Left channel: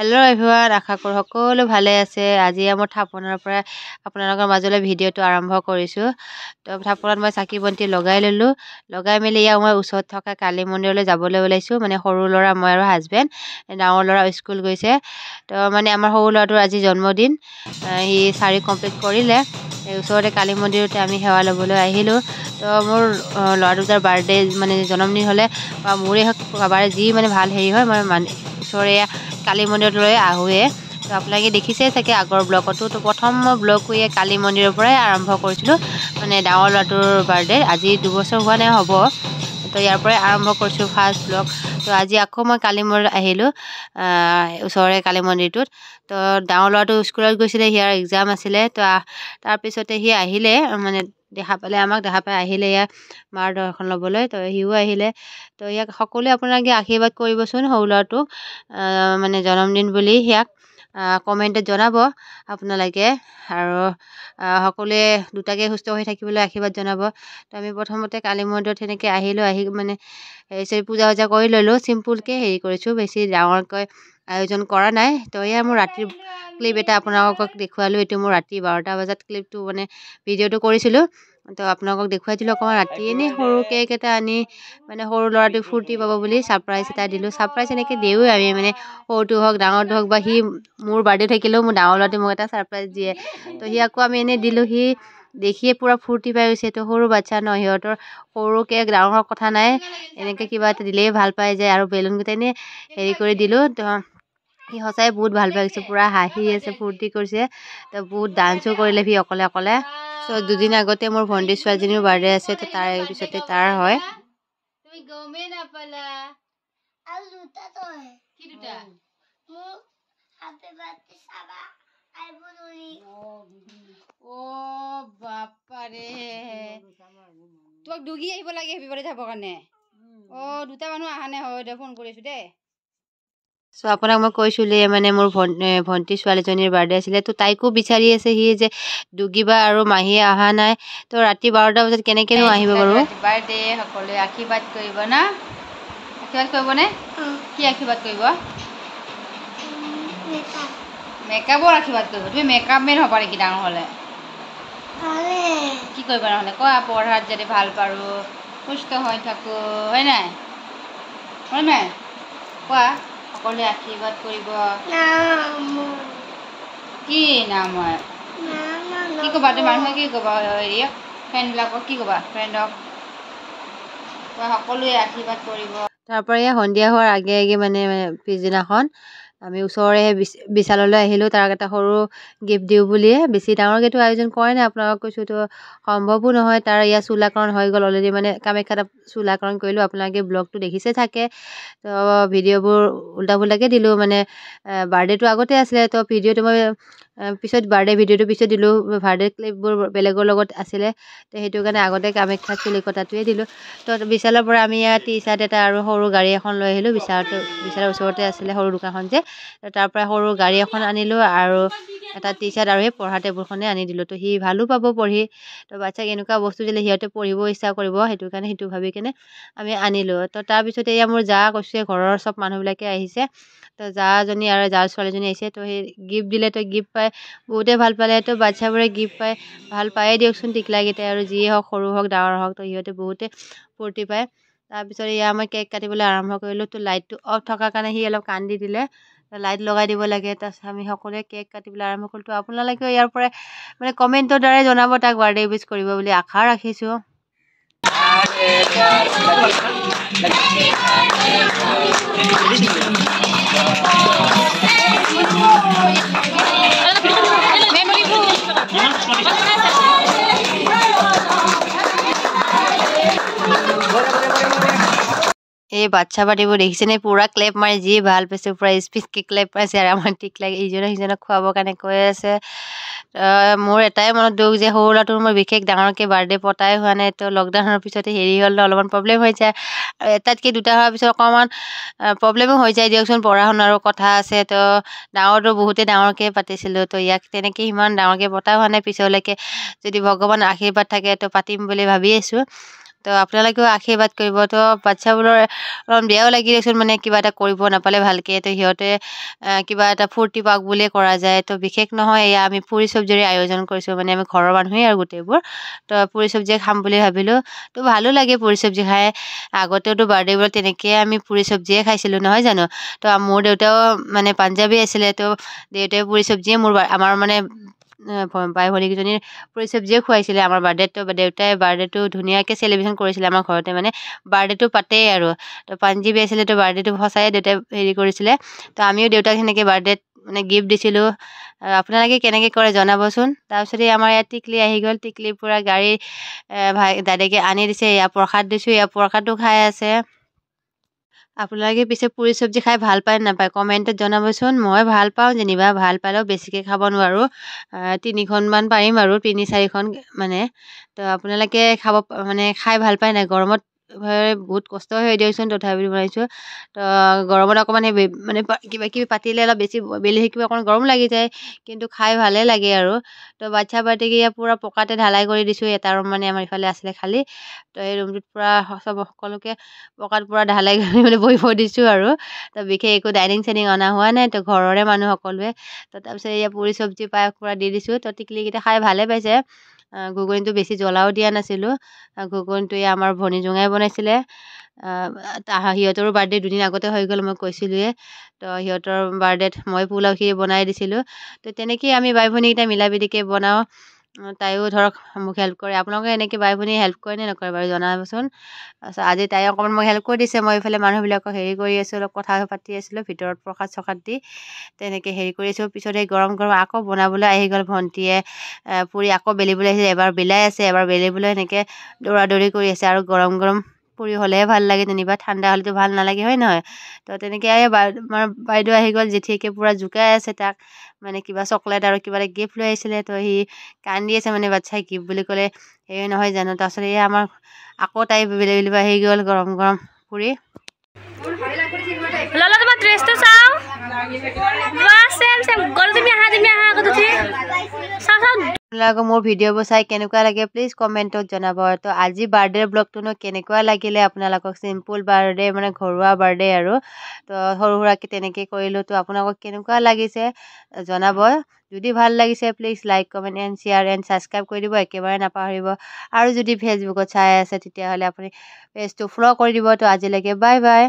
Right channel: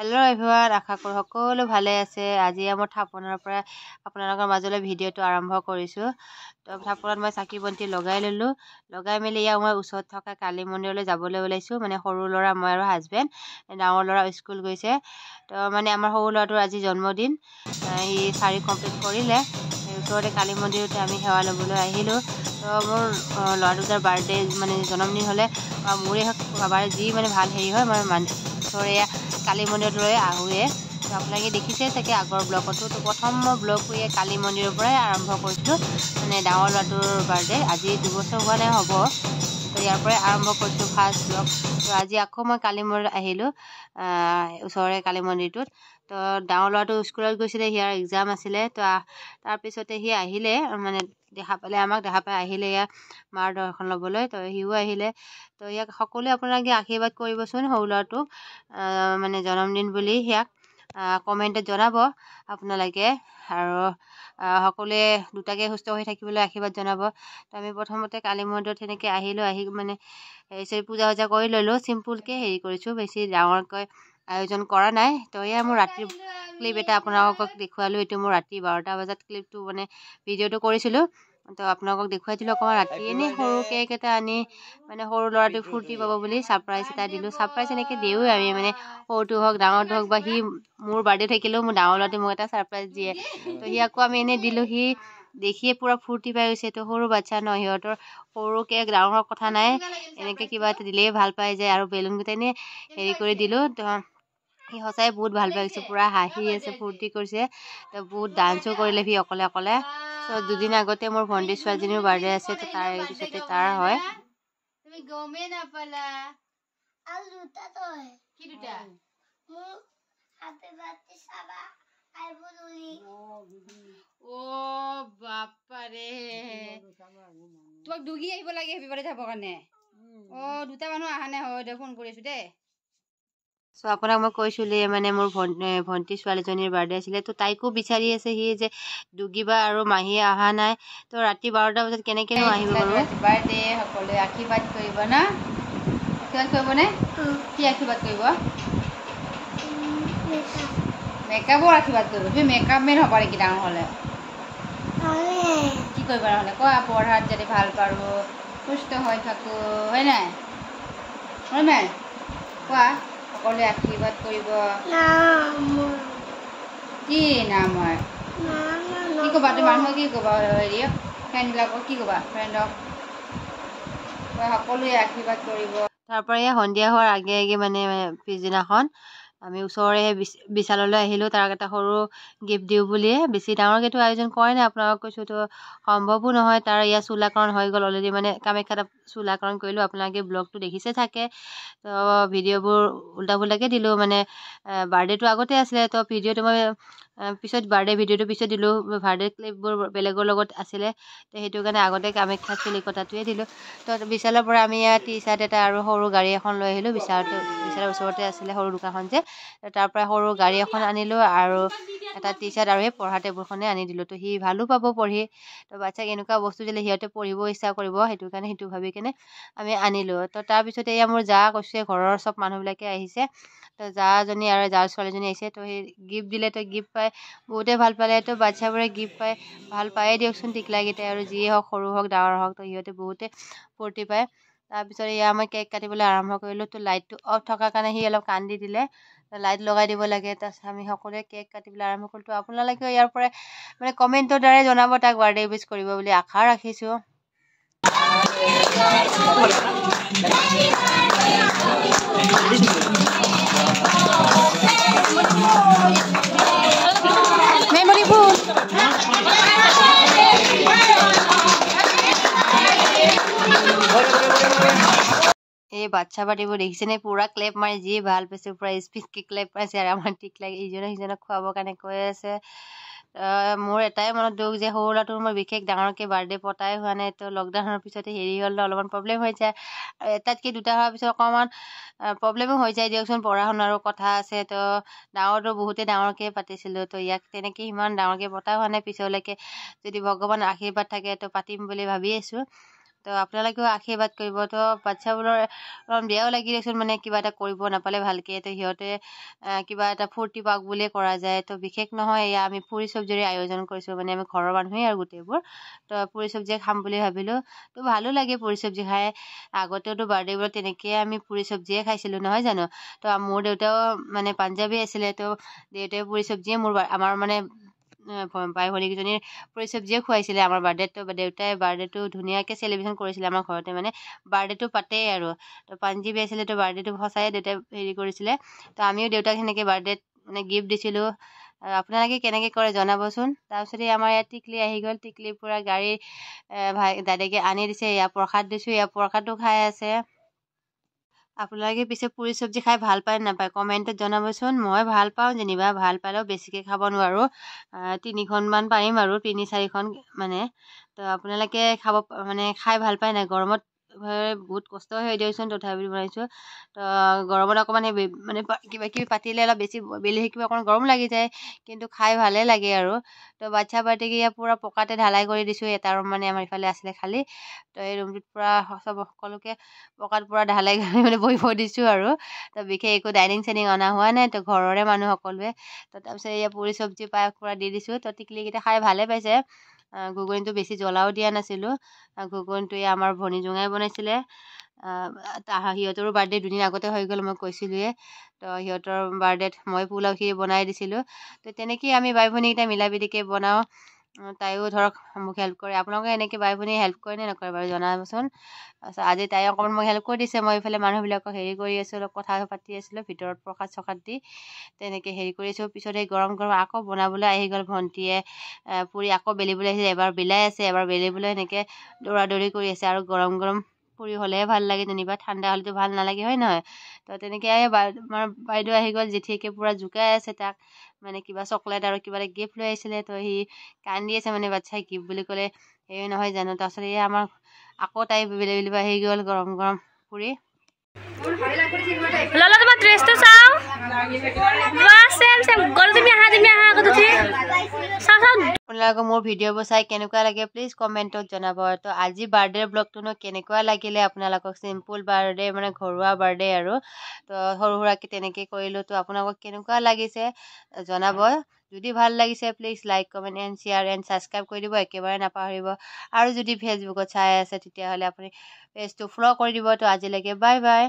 Hello' everyone, আশা কৰোঁ সকলো ভালে আছে। আজি মই থাপনাৰ পৰা আপোনালোকৰ মাজলৈ ভিডিঅ'টো আৰম্ভ কৰিছোঁ। তো থাপনাত মই চাকি বন্তি লগাই ল'লোঁ। লগাই মেলি মই ওচৰত থকা কালী মন্দিৰলৈ যাবলৈ ওলাইছোঁ। মানে সৰু ল'ৰা, মই আৰু হাজবেণ্ড। ডাঙৰ ল'ৰা স্কুল গৈছে। তো মানে আমাৰ সৰু ল'ৰাটোৰ আজি জন্মদিন, সি 4 কমপ্লিট কৰিলে। ওচৰতে কালী মন্দিৰতে আমি সেৱা ল'বলৈ আহিলোঁ। তো মোৰ ল'ৰা দুটাৰ বাৰ্থডে মানে জন্মদিন হ'লে বা মোৰে হওক কাৰোবাৰ যি মানে ভাল হেৰি হয়, মই ওচৰে কালী মন্দিৰলৈ আহোঁৱে। তো আপোনালোকে দেখিছে চাগে আগৰ ব্লগতো। তো প্ৰথম মই ব্লগটো কালী মন্দিৰৰ পৰাই আৰম্ভ কৰিছিলোঁ। মানে ডাঙৰ ল'ৰাটোৰ বাৰ্থডে আজি 2 বছৰ হোৱা নাই, হ'ব। তো ইয়াৰ পৰাই আৰম্ভ কৰিছোঁ ফাৰ্ষ্ট ব্লগ। তো আজি আকৌ মই কালী মন্দিৰত আহিলোঁ, ওচৰৰে কালী মন্দিৰটোত। তো ডাঙৰ ল'ৰাটো স্কুলত গৈছিলে, সিয়াৰ এক্সাম আছিলে। তো তাৰপিছতে সি আহিলে, মানে দেখা পালে, আমাক দেখা পাই আহিলে ইয়াত মাৰ দৰ্শন ল'বলৈ। তো সিও আহিলে। তো ইয়াক সকলোৱে আপোনালোকে আশীৰ্বাদ কৰিবচোন, সৰু ল'ৰাটোক মানে জন্মদিন বুলি সিয়াক কমেণ্টত জনাব আপোনালোকে। আৰু সকলোৱে দুটাকে সুস্থ হৈ থাকিবলৈ আশীৰ্বাদ জনাব। তো আমি প্ৰথমতে কালী মন্দিৰত সেনেকৈ আহিলোঁ। আহি মানে পূজা চূজা কৰি ল'লোঁ। চিম্পুলকৈ হেৰি কৰিছোঁ, বেছি ডাঙৰকৈ আয়োজন কৰা নাই। তো এয়া মোৰ ৰাতিৰ ক্লিপ এটা আপোনালোকক দেখুৱালোঁ। এইটো মোৰ ৰাতি 12টা বজাত ক্লিপটো মানে ভিডিঅ'টো কৰিছিলোঁ। তো আপোনালোকক দেখুৱাই দিলোঁ অকণমান ৰাতি। এনেই সৰু কেক এটা আনি মানে সৰু ল'ৰাটোক ফূৰ্তি পাব বুলি ছাৰপ্ৰাইজ এটা দিলোঁ। ছাৰপ্ৰাইজ এনেকৈ দিওঁৱে আমি, মানে সৰুটো হওক ডাঙৰটো হওক, বা সি মোৰ বাৰ্থডে থাকিলেও মোৰ ডাঙৰ ল'ৰাটোৱে মোক এটা ছাৰপ্ৰাইজ দিয়ে। তো সি আকৌ আমি এনেই দিলোঁ, সি দেখিয়ে পূৰা ফূৰ্তি পাই গৈছে। তো সৰু বাচ্ছা ন, সিহঁতৰ সৰু কেক ডাঙৰ কথা নাই, এনেকৈ কিবা এটা দিলেই ভাল পাই যায়। আৰু বেলুনকেইটা এনেই হেৰি কৰি দিলোঁ। তো সি সঁচাই বহুত ভাল পাই গৈছে, পূৰা হাঁহি আছে, ফূৰ্তি কৰিছে। তো বহুত ডান্সো কৰিলে সি অকলে অকলে। চ' 2 দিন আগতে মোৰ ভণ্টি ছোৱালীজনীৰ বাৰ্থডে আছে। তো তাৰ পিছতে তাৰ হয়। তুমি গমেই নাপালা। আৰু দুটা তই কি দুটা মোৰ হাতে বাতি চাবা আইবুলি। ও বাপা ৰে, তোমাক দুগি আহিব লাগে হেপী বাৰ্থডে চাবৰ কাৰণে। দুটা মানুহ অহা নাই, হয় দে, ফোন কৰিছোঁ দেই। চ' আপোনাক মই কৈছিলোঁ মানে মোৰ ভণ্টি ছোৱালীজনীৰ বাৰ্থডে আছিলে। তো তাইকো বিচাৰি আছে সি, যে দুগিবা আৰু মাহীয়ে অহা নাই। তো ৰাতি 12টা বজাত কেনেকৈনো আহিব বাৰু। বাৰ্থডে সকলোৱে আশীৰ্বাদ কৰিব না, আশীৰ্বাদ কৰিবনে? কি আশীৰ্বাদ কৰিব? মেকআপৰ আশীৰ্বাদ কৰিব। তুমি মেকআপ মেন হ'বা নেকি ডাঙৰ হ'লে? কি কৰিবা নহ'লে কোৱা? পঢ়াত যাতে ভাল পাৰোঁ, সুস্থ হৈ থাকোঁ, হয় নাই? হয় নাই কোৱা? সকলোৱে আশীৰ্বাদ কৰিব। কি নাম হয়? কি ক'বা তুমি মানুহক? কি ক'বা হেৰি ফ্ৰেণ্ডবিলাকক? কি ক'বা ফ্ৰেণ্ডক? সকলোৱে আশীৰ্বাদ কৰিব। তাৰপৰা সন্ধিয়া হোৱাৰ আগে আগে মানে পিছদিনাখন আমি ওচৰৰে বিশাললৈ আহিলোঁ। তাক এটা সৰু গিফ্ট দিওঁ বুলিয়ে। বেছি ডাঙৰকৈতো আয়োজন কৰাই নাই, আপোনালোকক কৈছোঁ। তো সম্ভৱো নহয়, তাৰ ইয়াত চুলাকৰণ হৈ গ'ল অলৰেডি, মানে কামাখ্যাত চুলাকৰণ কৰিলোঁ। আপোনালোকে ব্লগটো দেখিছে থাকে। তো ভিডিঅ'বোৰ উল্টা পুল্টাকৈ দিলোঁ, মানে বাৰ্থডেটো আগতে আছিলে। তো ভিডিঅ'টো মই পিছত বাৰ্থডে ভিডিঅ'টো পিছত দিলোঁ। বাৰ্থডে ক্লিপবোৰ বেলেগৰ লগত আছিলে। তো সেইটো কাৰণে আগতে কামাখ্যাত চুলি কটাটোৱে দিলোঁ। তো বিশালৰ পৰা আমি ইয়াত টি চাৰ্ট এটা আৰু সৰু গাড়ী এখন লৈ আহিলোঁ। বিশালৰ ওচৰতে আছিলে সৰু দোকানখন যে, তাৰ পৰা সৰু গাড়ী এখন আনিলোঁ আৰু এটা টি চাৰ্ট আৰু সেই পঢ়া টেবুলখনে আনি দিলোঁ। তো সি ভালো পাব পঢ়ি। তো বাচ্ছাক এনেকুৱা বস্তু দিলে সিহঁতে পঢ়িব ইচ্ছা কৰিব, সেইটো কাৰণে সেইটো ভাবি কেনে আমি আনিলোঁ। তো তাৰপিছতে এয়া মোৰ জা কৈছে, ঘৰৰ চব মানুহবিলাকে আহিছে। তো জাজনী আৰুজাৰ ছোৱালীজনী আহিছে। তো সেই গিফ্ট দিলে, তো গিফ্ট পাই বহুতে ভাল পালে। তো বাচ্ছাবোৰে গিফ্ট পাই ভাল পায়ে দিয়কচোন, টিকলাকেইটাই, আৰু যিয়ে হওক, সৰু হওক ডাঙৰ হওক, তো সিহঁতে বহুতে ফূৰ্তি পায়। তাৰপিছত এয়া মই কেক কাটিবলৈ আৰম্ভ কৰিলোঁ। তো লাইটটো অফ থকাৰ কাৰণে সি অলপ কান্দি দিলে। লাইট লগাই দিব লাগে। তাৰপিছত আমি সকলোৱে কেক কাটিবলৈ আৰম্ভ কৰিলোঁ। তো আপোনালোকেও ইয়াৰ পৰাই মানে কমেণ্টৰ দ্বাৰাই জনাব তাক বাৰ্থডে উইছ কৰিব বুলি আশা ৰাখিছোঁ। এই বাচ্ছা পাৰ্টিবোৰ দেখিছেনে? পূৰা ক্লেপ মাৰি যি ভাল পাইছে, পূৰা স্পীডকৈ ক্লেপ মাৰিছে। আৰু আমাৰ টিকলাক ইজনে সিজনক খুৱাবৰ কাৰণে কৈ আছে। মোৰ এটাই মনত দুখ যে সৰু ল'ৰাটোৰ মই বিশেষ ডাঙৰকৈ বাৰ্থডে পতাই হোৱা নাই। তো লকডাউনৰ পিছতে হেৰি হ'ল, অলপমান প্ৰব্লেম হৈ যায়। আৰু এটাতকৈ দুটা হোৱাৰ পিছত অকণমান প্ৰব্লেমো হৈ যায় দিয়কচোন, পঢ়া শুনাৰো কথা আছে। তো ডাঙৰটো বহুতেই ডাঙৰকৈ পাতিছিলোঁ। তো ইয়াক তেনেকৈ সিমান ডাঙৰকৈ পতা হোৱা নাই। পিছলৈকে যদি ভগৱানৰ আশীৰ্বাদ থাকে তো পাতিম বুলি ভাবি আছোঁ। তো আপোনালোকেও আশীৰ্বাদ কৰিব। তো বাচ্ছাবোৰৰ অলপ বেয়াও লাগি দিয়কচোন, মানে কিবা এটা কৰিব নাপালে ভালকৈ। তো সিহঁতে কিবা এটা ফূৰ্তি পাওক বুলিয়ে কৰা যায়। তো বিশেষ নহয়, এয়া আমি পুৰি চব্জিৰে আয়োজন কৰিছোঁ, মানে আমি ঘৰৰ মানুহেই আৰু গোটেইবোৰ। তো পুৰি চব্জিয়ে খাম বুলি ভাবিলোঁ। তো ভালো লাগে পুৰি চব্জি খাই। আগতেওতো বাৰ্থডেবোৰত তেনেকৈ আমি পুৰি চব্জিয়ে খাইছিলোঁ, নহয় জানো? তো মোৰ দেউতাও মানে পাঞ্জাবী আছিলে। তো দেউতাই পুৰি চব্জিয়ে আমাৰ মানে বাই ভনীকেইজনীৰ পুৰি চব্জিয়ে খুৱাইছিলে আমাৰ বাৰ্থডেত। তো দেউতাই বাৰ্থডেটো ধুনীয়াকৈ চেলিব্ৰেশ্যন কৰিছিলে আমাৰ ঘৰতে, মানে বাৰ্থডেটো পাতেই আৰু। তো পাঞ্জাবী আছিলে, তো বাৰ্থডেটো সঁচাই দেউতাই হেৰি কৰিছিলে। তো আমিও দেউতাক সেনেকৈ বাৰ্থডেত মানে গিফ্ট দিছিলোঁ। আপোনালোকে কেনেকৈ কৰে জনাবচোন। তাৰপিছতে আমাৰ ইয়াত টিকলি আহি গ'ল। টিকলিৰ পৰা গাড়ী দাদাকে আনি দিছে। ইয়াৰ প্ৰসাদ দিছোঁ, ইয়াৰ প্ৰসাদো খাই আছে। আপোনালোকে পিছে পুৰি চব্জি খাই ভাল পায় নাপায় কমেণ্টত জনাবচোন। মই ভাল পাওঁ যেনিবা, ভাল পালেও বেছিকৈ খাব নোৱাৰোঁ। 3খনমান পাৰিম আৰু 3-4খন মানে। তো আপোনালোকে মানে খাই ভাল পায় নাই? গৰমত বহুত কষ্ট হৈ দিয়কচোন, তথাপিও বনাইছোঁ। তো গৰমত অকণমান মানে কিবা কিবি পাতিলে অলপ বেছি বেলি শিকিব অকণমান গৰম লাগি যায়, কিন্তু খাই ভালেই লাগে আৰু। তো বাচ্ছা পাৰ্টিকে পূৰা পকাতে ঢালাই কৰি দিছোঁ। এটা ৰুম মানে আমাৰ ইফালে আছিলে খালী। তো এই ৰুমটোত পূৰা সকলোকে পকাত পূৰা ঢালাই কৰি মানে বহিব দিছোঁ আৰু। তো বিশেষ একো ডাইনিং চাইনিং অনা হোৱা নাই। তো ঘৰৰে মানুহ সকলোৱে। তো তাৰপিছত এয়া পুৰি চব্জি পায়স পূৰা দি দিছোঁ। তো টিকলিকেইটা খাই ভালে পাইছে। ঘুগুনিটো বেছি জ্বলাও দিয়া নাছিলোঁ। ঘুগুনিটো আমাৰ ভনী জোঙাই বনাইছিলে। সিহঁতৰো বাৰ্থডে দুদিন আগতে হৈ গ'ল, মই কৈছিলোঁৱে। তো সিহঁতৰ বাৰ্থডেত মই পোলাওখিনি বনাই দিছিলোঁ। তো তেনেকেই আমি বাই ভনীকেইটা মিলা প্ৰীতিকৈ বনাওঁ। তাইও ধৰক মোক হেল্প কৰে। আপোনালোকে এনেকৈ বাই ভনী হেল্প কৰে নে নকৰে বাৰু জনাবচোন। তাৰপিছত আজি তাই অকণমান মোক হেল্প কৰি দিছে। মই এইফালে মানুহবিলাকক হেৰি কৰি আছোঁ, অলপ কথা পাতি আছিলোঁ ভিতৰত প্ৰসাদ চসাদ দি। তেনেকৈ হেৰি কৰি আছোঁ। পিছত এই গৰম গৰম আকৌ বনাবলৈ আহি গ'ল ভণ্টিয়ে। পুৰি আকৌ বেলিবলৈ আহিছে। এবাৰ বেলাই আছে, এবাৰ বেলিবলৈ সেনেকৈ দৌৰা দৌৰি কৰি আছে। আৰু গৰম গৰম পুৰি হ'লেহে ভাল লাগে যেনিবা, ঠাণ্ডা হ'লেতো ভাল নালাগে, হয় নহয়? তো তেনেকৈ আমাৰ বাইদেউ আহি গ'ল। জেঠীয়েকে পূৰা জোকাই আছে তাক, মানে কিবা চকলেট আৰু কিবা এটা গিফ্ট লৈ আহিছিলে। তো সি কান্দি আছে, মানে বাচ্ছাই গিফ্ট বুলি ক'লে হেৰি নহয় জানো। তাৰপিছত এই আমাৰ আকৌ তাই বেলিব আহি গ'ল গৰম গৰম পুৰি। ললা তোমাৰ ড্ৰেছটো চাও। বাহ সেম সেম গল তুমি আহা আগত উঠি। চাও চাও। আপোনালোকে মোৰ ভিডিঅ'বোৰ চাই কেনেকুৱা লাগে প্লিজ কমেণ্টত জনাব। তো আজি বাৰ্থডে ব্লগটোনো কেনেকুৱা লাগিলে আপোনালোকক? চিম্পুল বাৰ্থডে, মানে ঘৰুৱা বাৰ্থডে আৰু। তো সৰু সুৰাকৈ তেনেকৈ কৰিলোঁ। তো আপোনালোকক কেনেকুৱা লাগিছে জনাব। যদি ভাল লাগিছে please like comment and share and subscribe কৰি দিব একেবাৰে নাপাহৰিব। আৰু যদি ফেচবুকত চাই আছে তেতিয়াহ'লে আপুনি পেজটো ফ'ল' কৰি দিব। তো আজিলৈকে বাই বাই।